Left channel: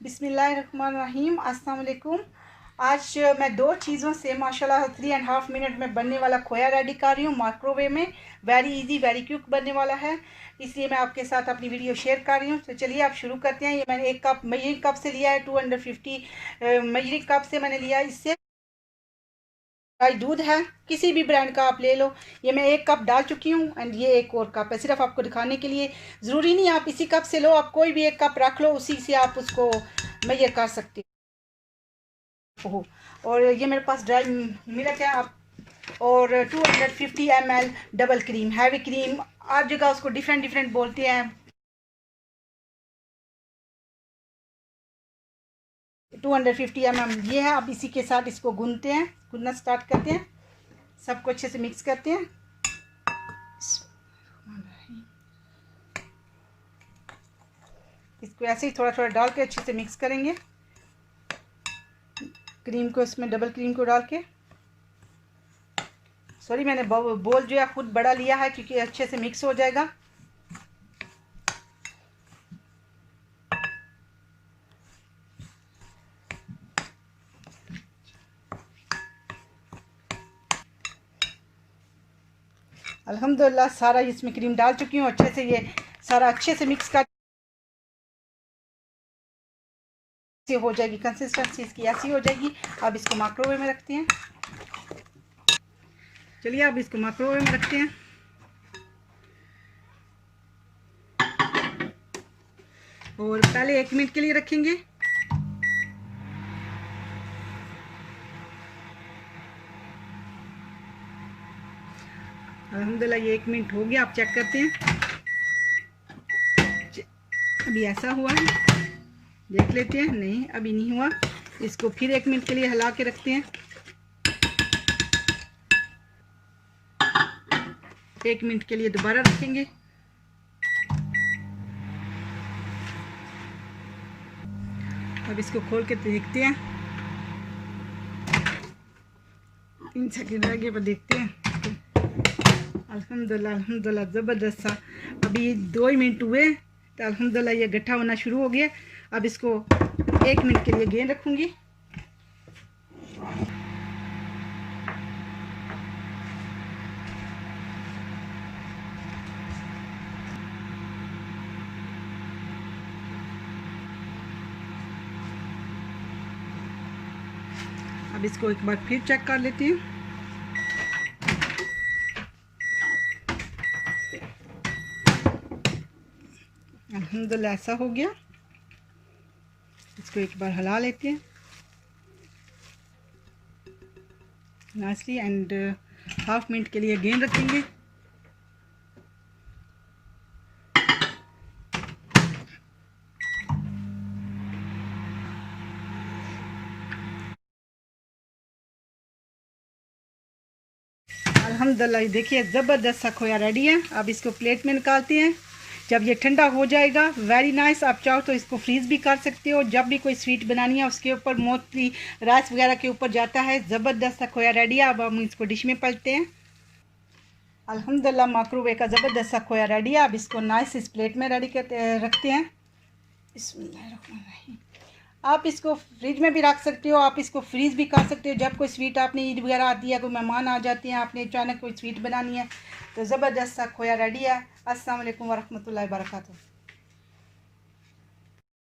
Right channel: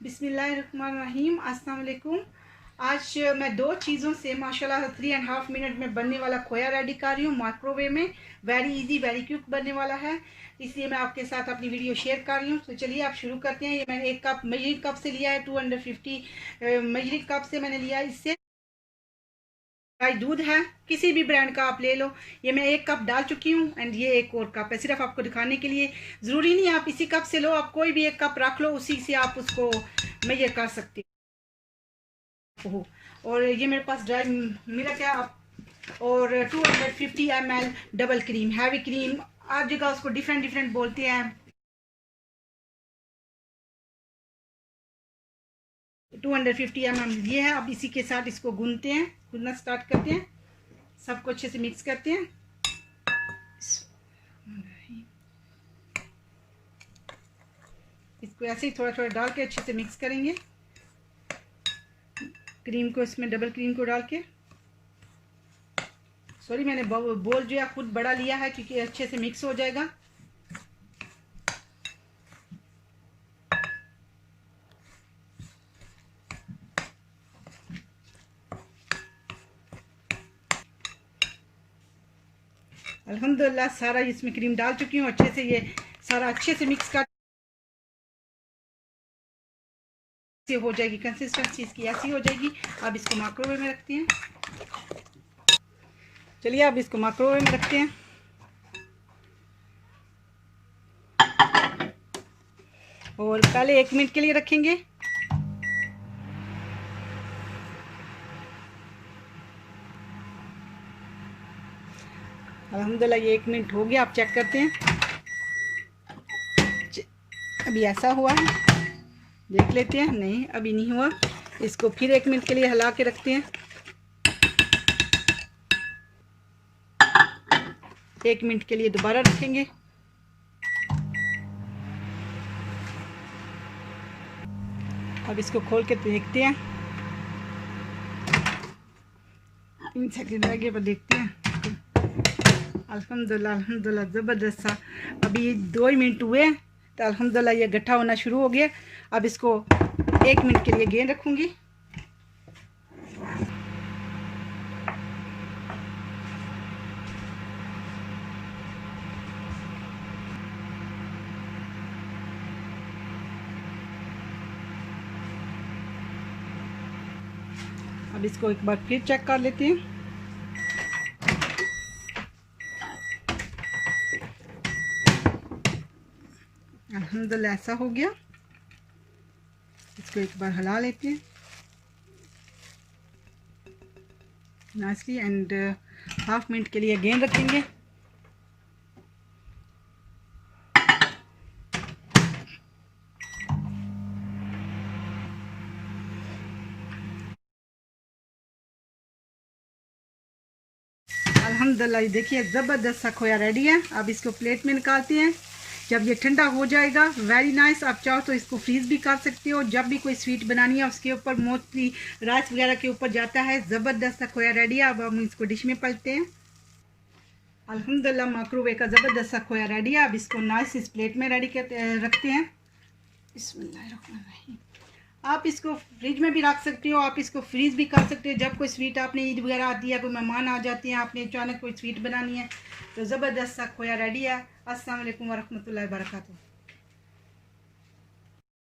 बिस्मिल्लाहिर्रहमानिर्रहीम। अस्सलाम वालेकुम। आज मैं दो चीज़ों से माशाल्लाह 3.5 मिनट में बनने वाला खोया रेडी कर रही हूँ माइक्रोवेव में। वेरी इजी वेरी क्विक बनने वाला है, इसलिए मैं आपके साथ अपनी वीडियो शेयर कर रही हूँ। तो चलिए आप शुरू करते हैं। ये मैंने एक कप मेजरिंग कप से लिया है, 250 मेजरिंग कप से मैंने लिया है। इससे दूध है, किसी भी ब्रांड का आप ले लो। ये मैं एक कप डाल चुकी हूँ एंड ये एक और कप है, सिर्फ आपको दिखाने के लिए। ज़रूरी नहीं आप इसी कप से लो, आप कोई भी एक कप रख लो, उसी से आप उसको मेजर कर सकते हो। और ये मेरे पास ड्राई मिल्क है आप, और 250 ml double cream, heavy cream हर जगह उसको डिफरेंट डिफरेंट बोलते हैं। 250 ml ये है। अब इसी के साथ इसको गूंदते हैं, गूंदना स्टार्ट करते हैं। सबको अच्छे से मिक्स करते हैं। इसको ऐसे ही थोड़ा थोड़ा डाल के अच्छे से मिक्स करेंगे। क्रीम को इसमें डबल क्रीम को डाल के, सॉरी मैंने बोल जो है खुद बड़ा लिया है क्योंकि अच्छे से मिक्स हो जाएगा। अल्हम्दुलिल्लाह सारा इसमें क्रीम डाल चुकी हूँ। अच्छे से ये सारा अच्छे से मिक्स कर हो जाएगी, कंसिस्टेंसी इसकी ऐसी हो जाएगी। अब इसको माइक्रोवेव में रखते हैं। चलिए अब इसको माइक्रोवेव में रखते हैं। और पहले 1 मिनट के लिए रखेंगे। अल्हम्दुलिल्लाह ये 1 मिनट हो गया, आप चेक करते हैं। अभी ऐसा हुआ है, देख लेते हैं। नहीं अभी नहीं हुआ। इसको फिर 1 मिनट के लिए हिला के रखते हैं। 1 मिनट के लिए दोबारा रखेंगे। अब इसको खोल के देखते हैं। 3 सेकंड रह गए पर देखते हैं। अल्हम्दुलिल्लाह अल्हम्दुलिल्लाह ज़बरदस्त सा। अभी 2 ही मिनट हुए तो अल्हम्दुलिल्लाह ये गट्ठा होना शुरू हो गया। अब इसको 1 मिनट के लिए गेंद रखूँगी। अब इसको एक बार फिर चेक कर लेते हैं। अल्हम्दुलिल्लाह ऐसा हो गया। इसको एक बार हिला लेते हैं नाइसली एंड हाफ मिनट के लिए गेंद रखेंगे। अल्हम्दुलिल्लाह देखिए ज़बरदस्त सा खोया रेडी है। अब इसको प्लेट में निकालते हैं। जब ये ठंडा हो जाएगा वेरी नाइस। आप चाहो तो इसको फ्रीज़ भी कर सकते हो। जब भी कोई स्वीट बनानी है उसके ऊपर मोस्टली राइस वगैरह के ऊपर जाता है। ज़बरदस्त सा खोया रेडी है। अब हम इसको डिश में पलटते हैं। अल्हम्दुलिल्लाह माइक्रोवेव का ज़बरदस्त सा खोया रेडी है। अब इसको नाइस इस प्लेट में रेडी कर रखते हैं। बिस्मिल्लाहिर्रहमानिर्रहीम। आप इसको फ्रिज में भी रख सकते हो, आप इसको फ्रीज़ भी कर सकते हो। जब कोई स्वीट आपने ईद वगैरह आती है, कोई मेहमान आ जाते हैं, आपने अचानक कोई स्वीट बनानी है तो ज़बरदस्त सा खोया रेडी है। अस्सलाम वालेकुम वरहमतुल्लाहि वबरकातुहू।